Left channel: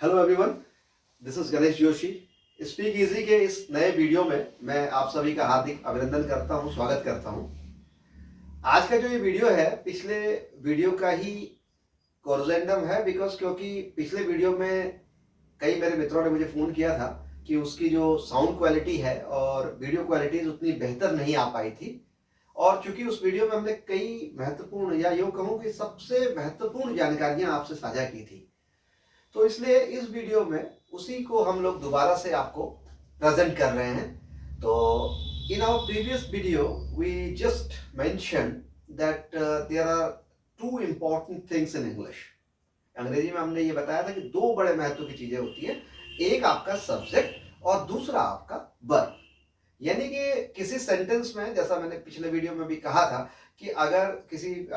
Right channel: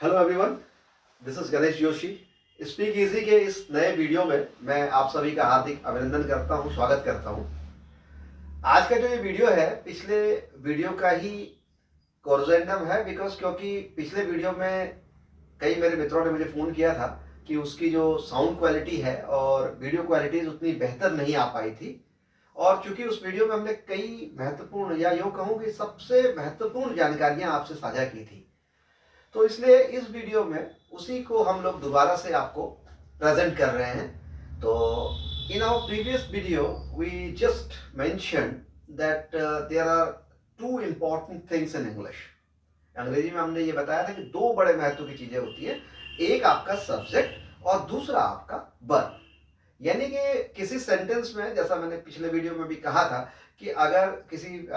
Hello everyone, this is Ganesh Joshi. Speak easy के इस नए वीडियो में मैं आप सभी का हार्दिक अभिनंदन करता हूं, स्वागत करता हूं। आज का जो ये वीडियो है पिछले वीडियो का ही कोरिजेंडम है क्योंकि पिछले वीडियो में कई मेरे मित्रों ने मुझे फ़ोन किया था कि उसकी जो साउंड क्वालिटी है और वीडियो क्वालिटी उतनी बेहतर नहीं आ पाई थी। और चूंकि उस वीडियो में हमने कई महत्वपूर्ण या यूँ कहूँ कि सबसे महत्वपूर्ण जानकारियाँ आपसे साझा की थी, तो इसलिए इस वीडियो में उसी को हम लोग दोबारा से आपको प्रेजेंट कर रहे हैं। तो in our previous video we just mention that there are two important things in English. अंग्रेजी में हमने ये बताया था कि दो बड़े महत्व की चीजें होती है, एक आपका सब्जेक्ट और दूसरा आपका वर्ब। यानी कि किसी सेंटेंस में, जैसा मैंने पिछले वीडियो में भी कहा था, कि अगर किसी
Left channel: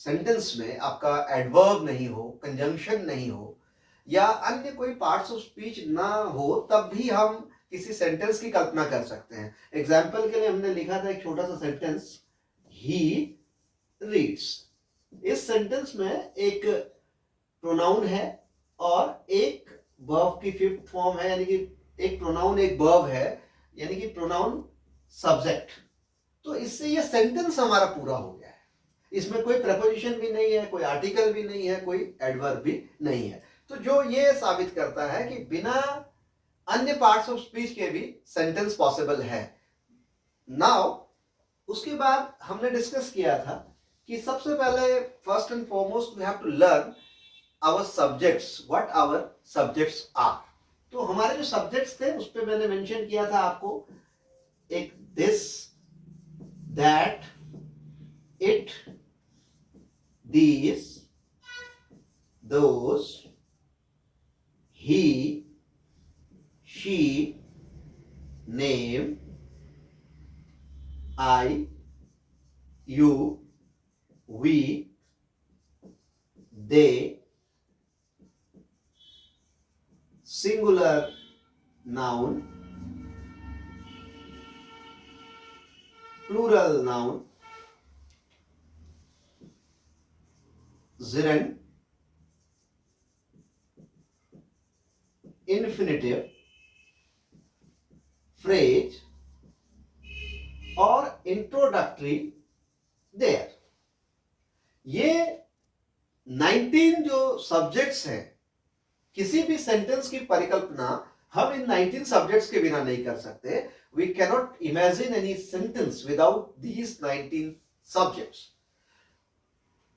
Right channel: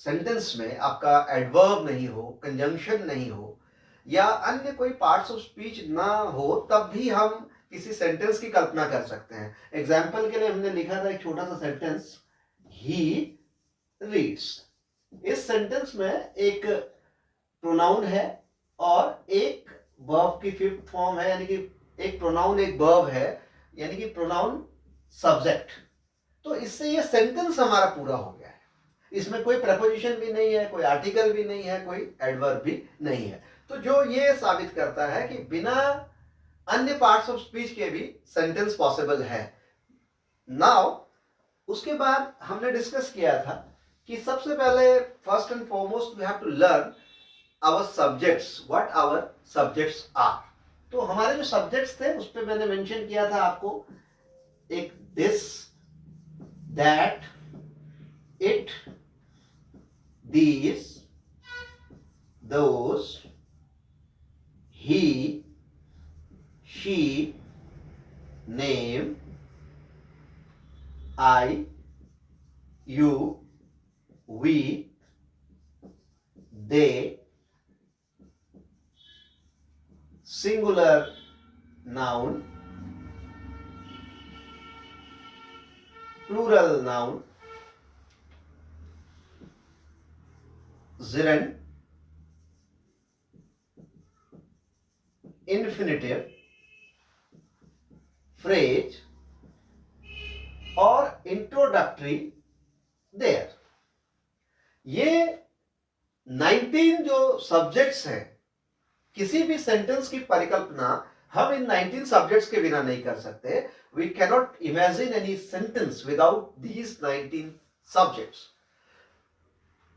सेंटेंस में आपका एडवर्ब नहीं हो, कंजंक्शन नहीं हो या अन्य कोई पार्ट्स ऑफ स्पीच ना हो, तब भी हम किसी सेंटेंस की कल्पना कर सकते हैं। एग्जाम्पल के लिए हमने लिखा था एक छोटा सा सेंटेंस, ही रीड्स। इस सेंटेंस में एक प्रोनाउन है और एक वर्ब की फिफ्थ फॉर्म है, यानी कि एक प्रोनाउन एक वर्ब है, यानी कि प्रोनाउन सब्जेक्ट। तो इससे ये सेंटेंस हमारा पूरा हो गया है। इसमें कोई प्रपोजिशन भी नहीं है, कोई आर्टिकल भी नहीं है, कोई एडवर्ब भी नहीं है। तो जो ये साबित करता है कि बिना अन्य पार्ट्स ऑफ स्पीच के भी सेंटेंस पॉसिबल है। नाउ उसके बाद हमने डिस्कस किया था कि सबसे पहले first and foremost we have to learn our subjects, what our subjects are. तो हमारे जो सब्जेक्ट्स थे उस पर मैंने मेंशन किया था आपको, एक this, that, it, these, those, he, she, name, I, you, we, they, singular noun, plural noun, gerund, infinitive, phrase और इंट्रोडक्टरी देयर। ये 19 जो सब्जेक्ट्स हैं, किसी भी सेंटेंस की परिकल्पना हम इन 19 सब्जेक्ट्स के बिना नहीं कर सकते। We cannot imagine any sentence without these 19 subjects.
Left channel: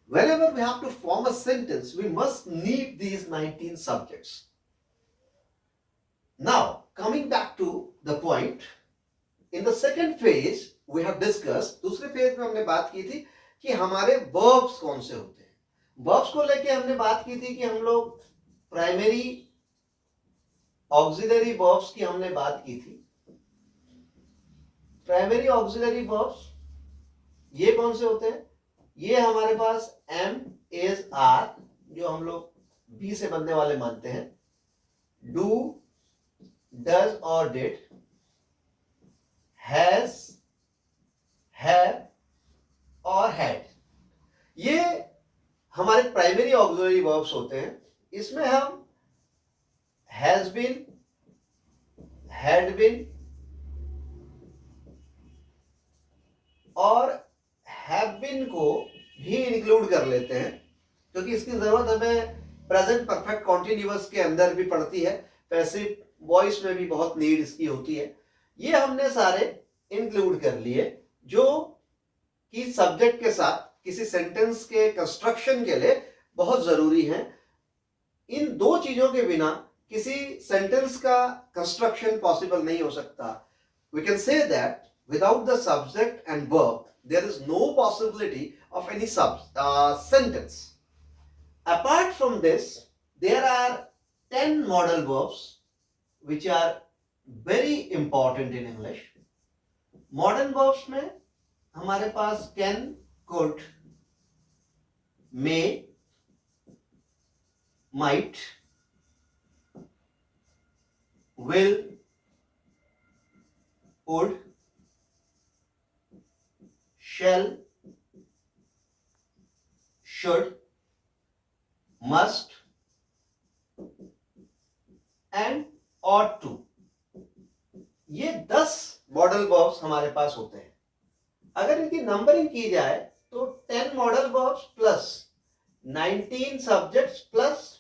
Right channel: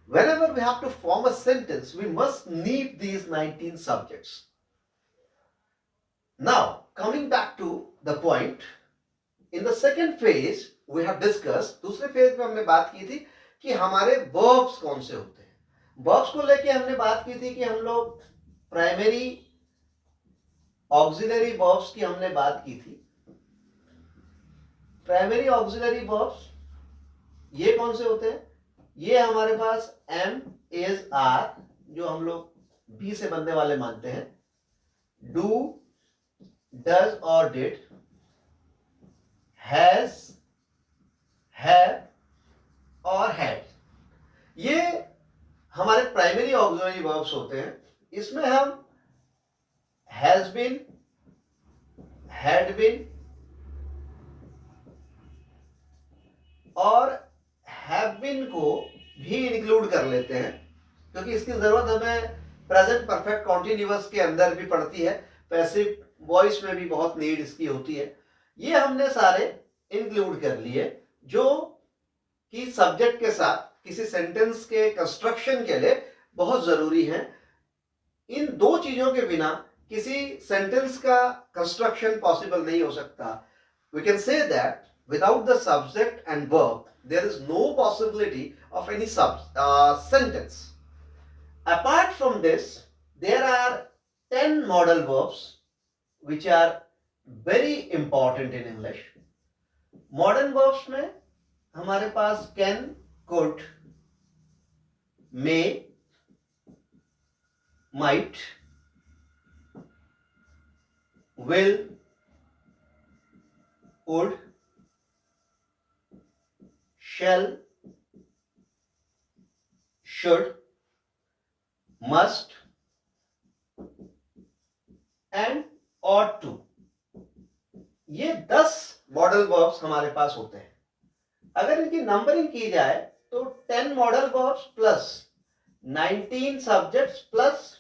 Whenever we have to form a sentence, we must need these 19 subjects. Now, coming back to the point, in the second phase we have discussed, दूसरे phase में हमने बात की थी कि हमारे verbs कौन से होते हैं। verbs को लेके हमने बात की थी कि हम लोग प्राइमरी ऑक्सिलरी verbs की हमने बात की थी। प्राइमरी ऑक्सिलरी verbs ये कौन से होते हैं? ये हमारे पास एम, इज, आर, जो हम लोग बी से बनने वाले मानते हैं, डू, डज और डिड, हैज, हैव और हैड, ये हमारे प्राइमरी ऑक्सिलरी वर्ब्स होते हैं। इसमें हम हैज बीन, हैड बीन और हैव बीन को भी इंक्लूड कर लेते हैं, क्योंकि इसकी जरूरत हमें प्रेजेंट परफेक्ट कॉन्टिन्यूअस के अंदर भी पड़ती है, पैसिव वॉइस में भी बहुत नीड इसकी होती है। ये हमने सारे इंक्लूड कर लिए जो कि सब्जेक्ट के साथ किसी सेंटेंस के कंस्ट्रक्शन के लिए बहुत जरूरी है। इन दो चीजों के बिना किसी सेंटेंस का कंस्ट्रक्शन पॉसिबल नहीं हो सकता। We can say that without the subject and verb there is no possibility of any sentence. Apart from this, there are 10 modal verbs which are very important in English. Modern verbs में हमारे पास can, could, may, might, will, would, shall, should, must, and ought to, ये 10 modal verbs हमारे पास होते हैं। अगर इनकी numbering की जाए तो 10 modal verbs plus 19 subjects plus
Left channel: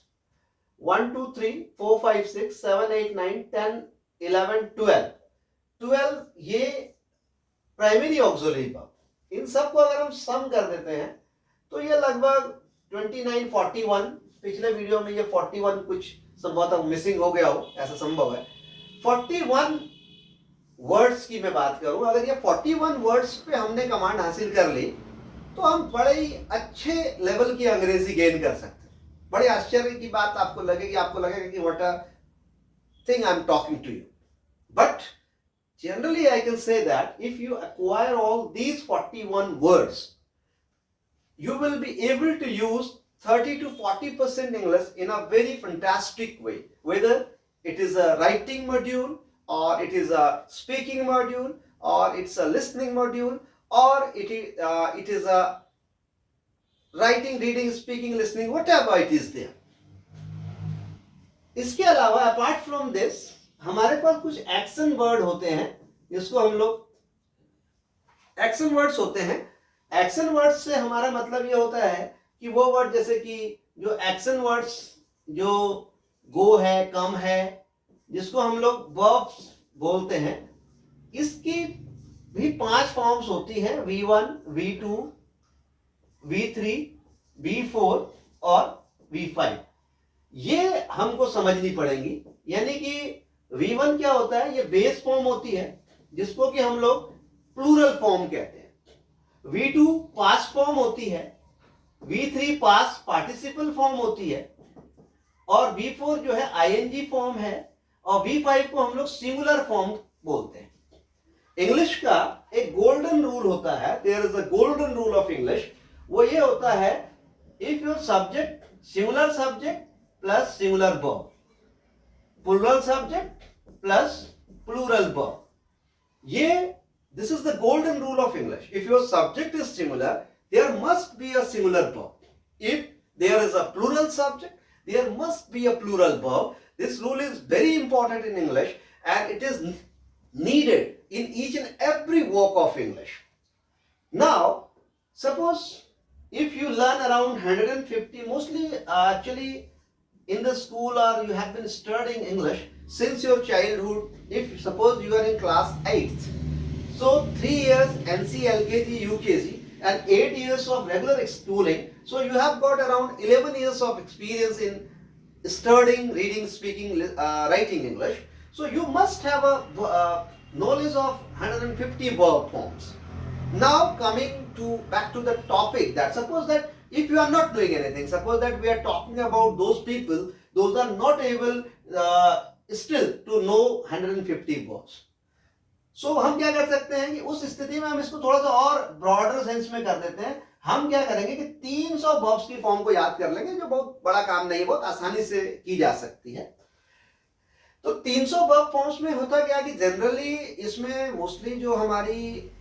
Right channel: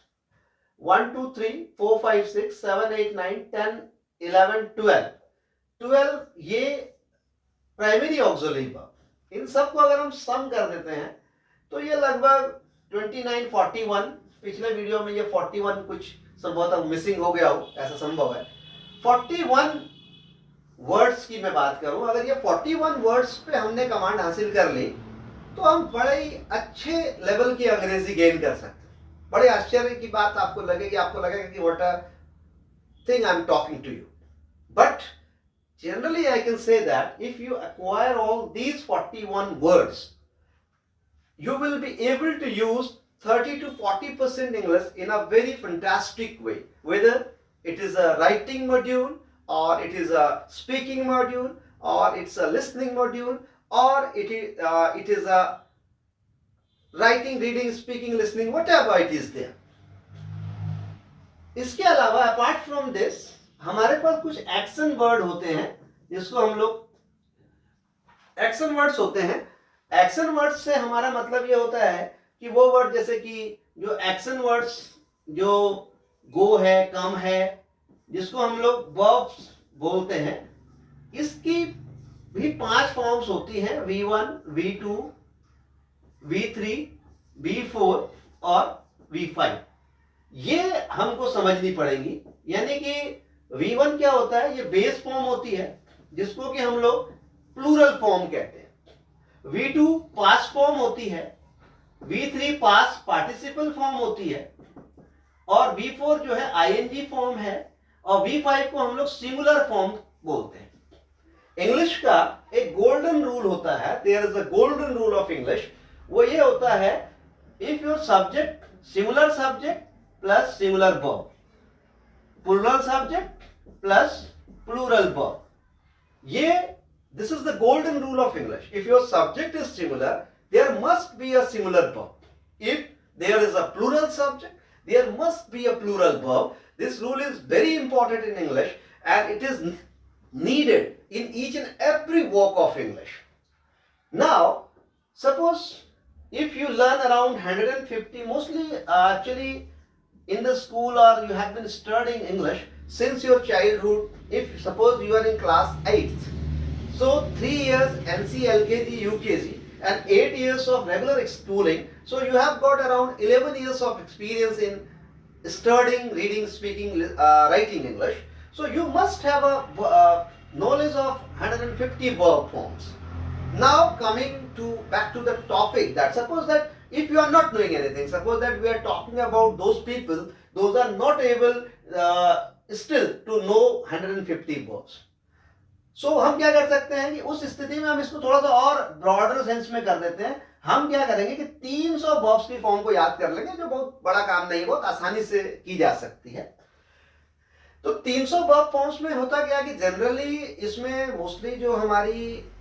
1 2 3 4 5 6 7 8 9 10 11 12 ये प्राइमरी ऑक्सिलरी वर्ब। इन सबको अगर हम सम कर देते हैं तो ये लगभग 29 41, पिछले वीडियो में ये 41 कुछ संभवतः मिसिंग हो गया हो, ऐसा संभव है। 41 वर्ड्स की मैं बात करूं, अगर ये 41 वर्ड्स पे हमने कमांड हासिल कर ली तो हम बड़े ही अच्छे लेवल की अंग्रेजी गेन कर सकते हैं। बड़े आश्चर्य की बात आपको लगेगी, आपको लगेगा कि what a thing I am talking to you, but generally I can say that if you acquire all these 41 words, you will be able to use 30 to 40% English in a very fantastic way, whether it is a writing module or it is a speaking module or it's a listening module or it is a writing, reading, speaking, listening, whatever it is there. इसके अलावा apart from this हमारे पास कुछ action word होते हैं जिसको हम लोग action words होते हैं। एक्शन वर्ड्स से हमारा मतलब ये होता है कि वो वर्ड जैसे कि जो एक्शन वर्ड्स जो गो है, कम है, जिसको हम लोग वर्ब्स बोलते हैं, इसकी भी 5 फॉर्म्स होती हैं, V1, V2, V3, V4 और V5। ये हमको समझनी पड़ेगी। यानी कि V1 क्या होता है, ये बेस फॉर्म होती है जिसको कि हम लोग प्लूरल फॉर्म कहते हैं। V2 पास्ट फॉर्म होती है, V3 पास्ट पार्टिसिपल फॉर्म होती है और V4 जो है ING फॉर्म है और V5 को हम लोग सिंगुलर फॉर्म बोलते हैं। इंग्लिश का एक गोल्डन रूल होता है, there is a golden rule of English. वो ये होता है, if your subject singular subject plus singular verb, plural subject plus plural verb, ये this is the golden rule of English. If your subject is singular, there must be a singular verb. If there is a plural subject, there must be a plural verb. This rule is very important in English and it is needed in each and every work of English. Now, suppose if you learn around 150, mostly actually in the school or you have been studying English since your childhood, if suppose you are in class 8th, so 3 years NC, LKG, UKG and 8 years of regular schooling, so you have got around 11 years of experience in studying, reading, speaking, writing English. So you must have a knowledge of 150 verb forms. Now coming to back to the topic, that suppose that if you are not doing anything, suppose that we are talking about those people, those are not able still to know 150 verbs. So हम क्या कर सकते हैं कि उस स्थिति में हम इसको थोड़ा सा और ब्रॉडर सेंस में कर देते हैं। हम क्या करेंगे कि 300 वर्ब्स की फॉर्म को याद कर लेंगे, जो बहुत बड़ा काम नहीं है, बहुत आसानी से की जा सकती है। तो 300 वर्ब फॉर्म्स में होता क्या कि जनरली इसमें मोस्टली जो हमारी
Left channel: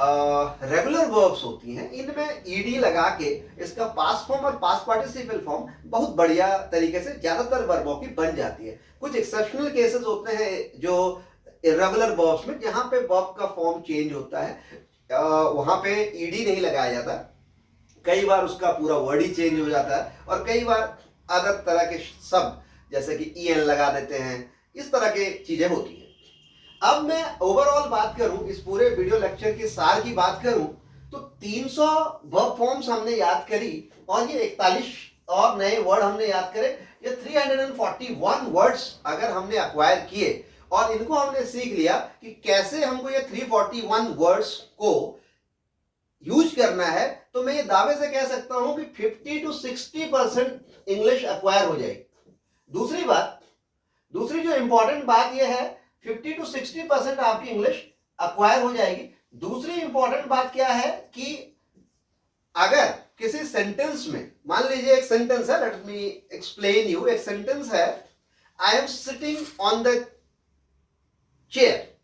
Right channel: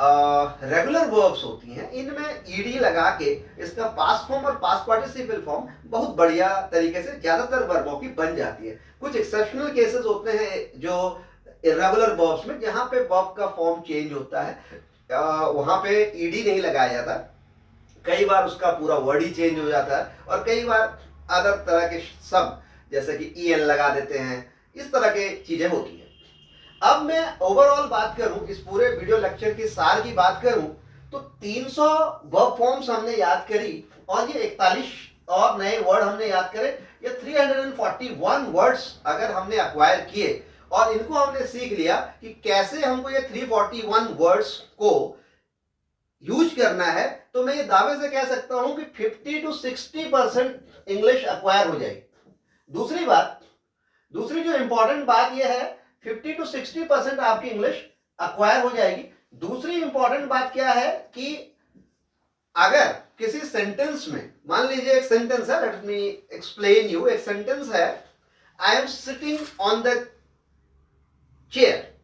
रेगुलर वर्ब्स होती हैं, इनमें ईडी लगा के इसका पास्ट फॉर्म और पास्ट पार्टिसिपल फॉर्म बहुत बढ़िया तरीके से ज्यादातर वर्बों की बन जाती है। कुछ एक्सेप्शनल केसेस होते हैं जो इरेगुलर वर्ब्स में, जहां पे वर्ब का फॉर्म चेंज होता है, वहां पे ईडी नहीं लगाया जाता, कई बार उसका पूरा वर्ड ही चेंज हो जाता है और कई बार अदर तरह के शब्द जैसे कि ईएन लगा देते हैं, इस तरह के चीजें होती हैं। अब मैं ओवरऑल बात करूं, इस पूरे वीडियो लेक्चर की सार की बात करूं, तो 300 वर्ब फॉर्म्स हमने याद करी और ये 41 और नए वर्ड हमने याद करे। ये 341 वर्ड्स अगर हमने अक्वायर किए और इनको हमने सीख लिया कि कैसे हमको ये 341 वर्ड्स को यूज करना है, तो मैं ये दावे से कह सकता हूं कि 50 to 60% इंग्लिश अक्वायर हो जाएगी। दूसरी जो इंपॉर्टेंट बात यह है, 50 to 60% आपकी इंग्लिश अक्वायर हो जाएगी। दूसरी इंपॉर्टेंट बात क्या है कि अगर किसी सेंटेंस में, मान लीजिए एक सेंटेंस है, लेट मी एक्सप्लेन यू, एक सेंटेंस है, I am sitting on the chair.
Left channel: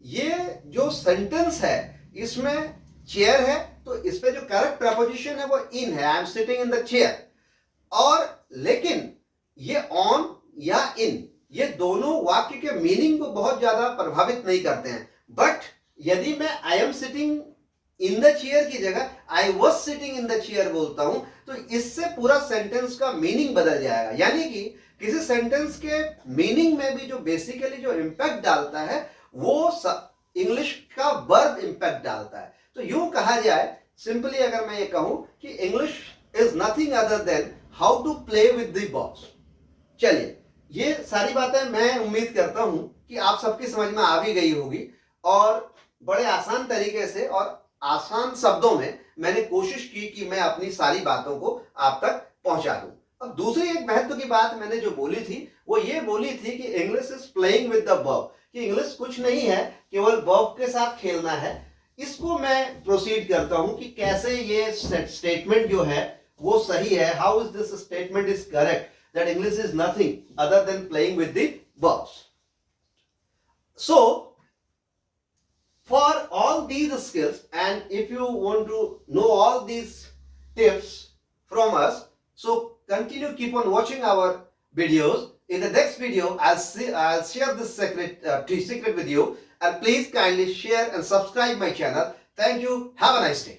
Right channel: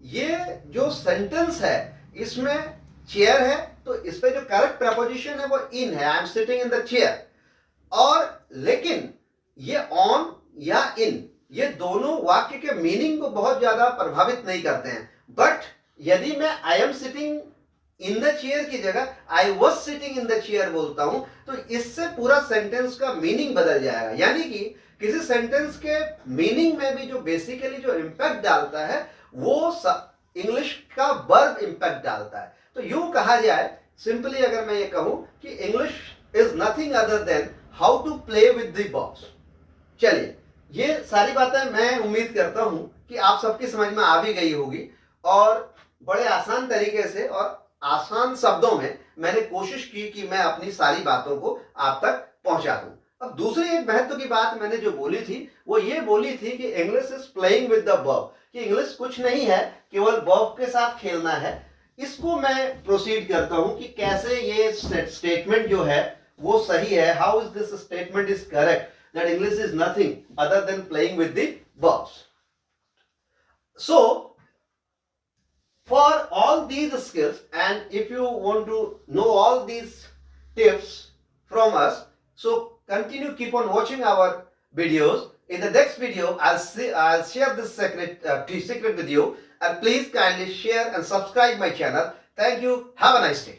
ये जो सेंटेंस है इसमें चेयर है, तो इस पे जो करेक्ट प्रपोजिशन है वो इन है, I am sitting in the chair. और लेकिन ये ऑन या इन ये दोनों वाक्य के मीनिंग को बहुत ज्यादा प्रभावित नहीं करते हैं। बट यदि मैं I am sitting in the chair की जगह I was sitting in the chair बोलता हूं तो इससे पूरा सेंटेंस का मीनिंग बदल जाएगा। यानी कि किसी सेंटेंस के मीनिंग में भी जो बेसिकली जो इंपैक्ट डालता है वो इंग्लिश का वर्ब इंपैक्ट डालता है। तो यूं कहा जाए, सिंपली अगर मैं ये कहूं कि English is nothing other than how to play with the verbs. चलिए, ये सारी बातें मैं उम्मीद करता हूं कि आप सबकी समझ में आ भी गई होगी और बड़े आसान तरीके से और आसान शब्दों में मैंने कोशिश की कि मैं अपनी सारी बातों को आप तक पहुंचा दूं। अब दूसरी एक महत्व की बात मैंने जो बोली थी वो ये बोली थी कि English is playing with the verb, कि इंग्लिश कुछ नहीं है, केवल वर्ब के साथ खेलना है। इसको मैं प्रोसीड करता हूं कि कैसे ये स्टेटमेंट जो है वो सही है। How is this statement is correct that English is nothing other than playing with the verbs. So for all these skills, and if you want to know all these tips from us, so continue, keep on watching our videos. In the next video I'll share this secret with you, and please kindly share and subscribe my channel. Thank you. Have a nice day.